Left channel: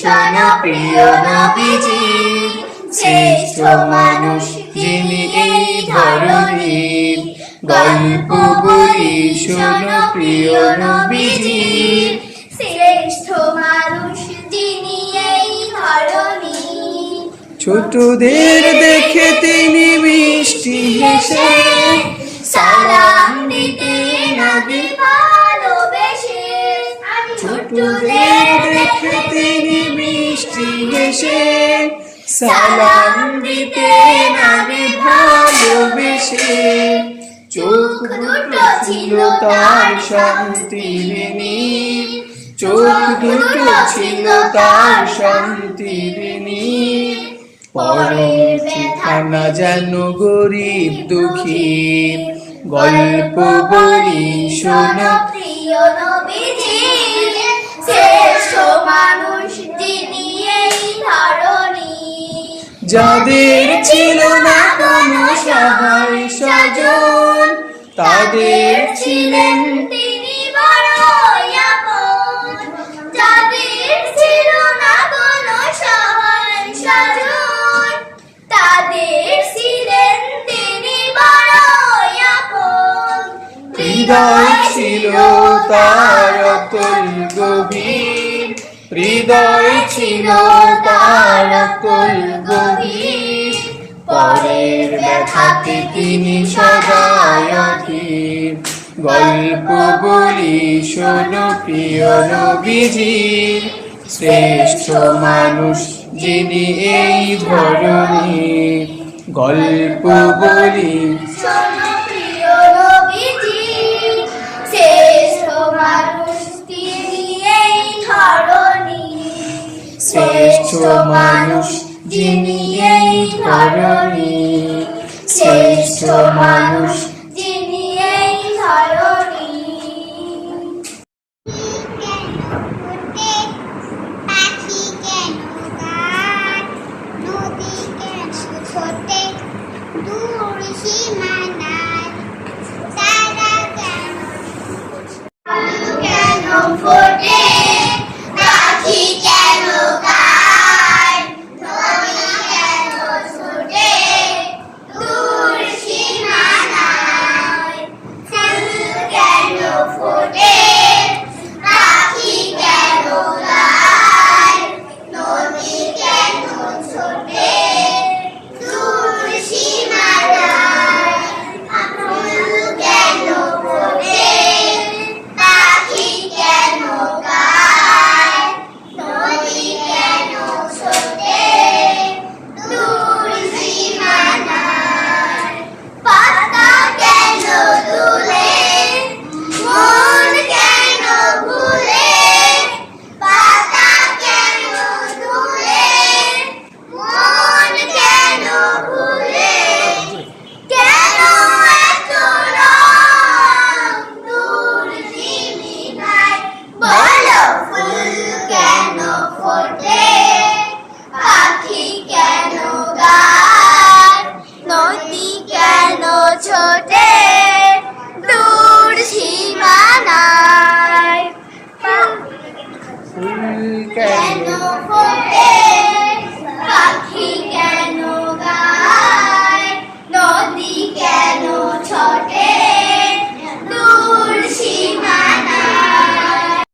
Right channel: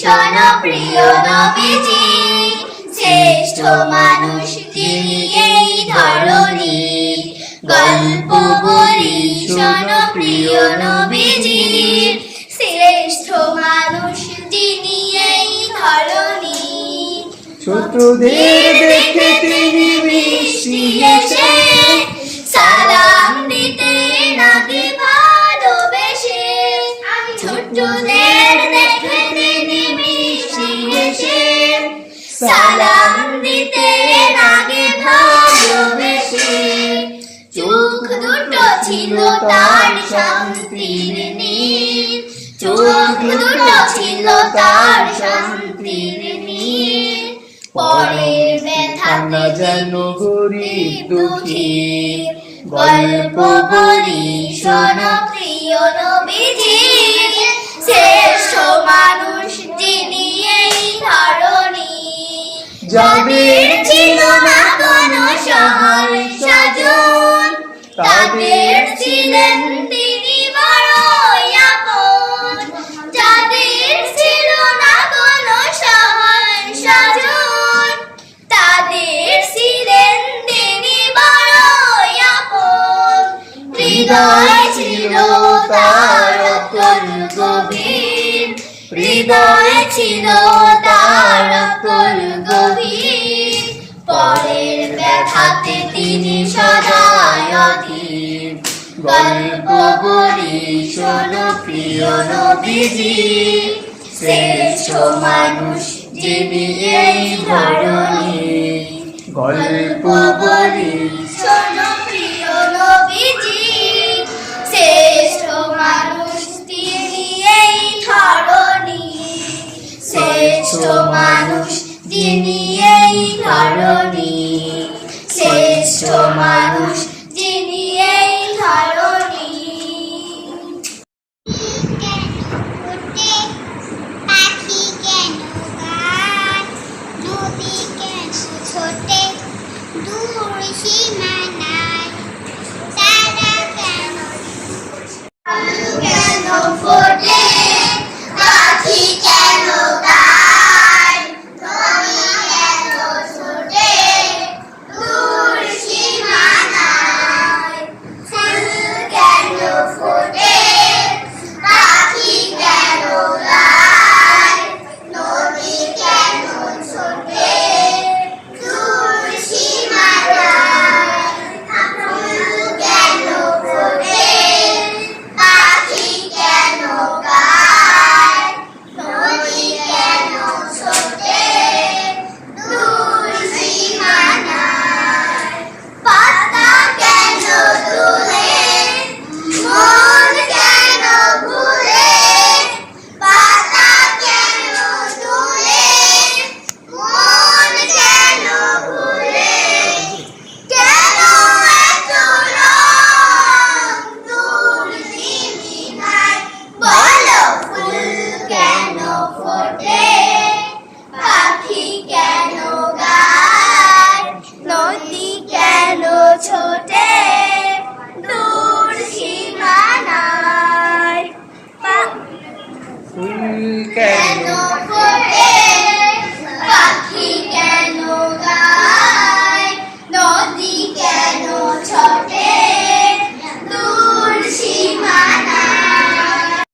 শোনো প্রিয় নবীজি, শ্রেষ্ঠ মানুষ যিনি এই ধরণীর। গল্প বলি শোনো প্রিয় নবীজি, শ্রেষ্ঠ মানুষ যিনি এই ধরণীর। ছোটদের দেখে তিনি মিষ্টি হেসে সালাম দিতেন আগে ভালোবেসে। ছোটদের দেখে তিনি মিষ্টি হেসে সালাম দিতেন আগে ভালোবেসে। চোখ দুটো ছিল তার শান্তির নীর, চোখ দুটো ছিল তার শান্তির নীর। পরের ব্যথা না যেন গরিব দুঃখীর। গল্প বলি শোনো প্রিয় নবীজি, শ্রেষ্ঠ মানুষ যিনি এই ধরণীর। যাদের ছিল না কোনো সহায় স্বজন, তাদের ছিলেন তিনি বড়ই আপন। যাদের ছিল না কোনো সহায় স্বজন, তাদের ছিলেন তিনি বড়ই আপন। হৃদয় ছিল তার অতল গভীর, হৃদয় ছিল তার অতল গভীর। পরের ব্যথাতে তিনি সদাই অধীর। গল্প বলি শোনো প্রিয় নবীজি, শ্রেষ্ঠ মানুষ যিনি এই ধরণীর। গল্প বলি শোনো প্রিয় নবীজি, শ্রেষ্ঠ মানুষ তিনি এই ধরণীর। শ্রেষ্ঠ মানুষ যিনি এই ধরণীর, শ্রেষ্ঠ মানুষ যিনি এই ধরণীর। পাখি কেন গান, নদী কেন ছোটে দূর সীমানায়, তারা কেন কেন ফোটে, পাখি কেন গায়, নদী কেন ছোটে দূর সীমানায়। ফুল কেন ফোটে, পাখি কেন গায়, নদী কেন ছোটে দূর সীমানায়। ফুল কেন ফোটে, পাখি কেন গায়, নদী কেন ছোটে দূর সীমানায়। পাতা কেন দুলে, মন কেন ভুলে, পাতা কেন দুলে, মন কেন ভুলে। কেন এত রং দূর নীলিমায়, বলো ফুল কেন ফোটে, পাখি কেন গায়, নদী কেন ছোটে দূর সীমানায়। ফুল কেন কেন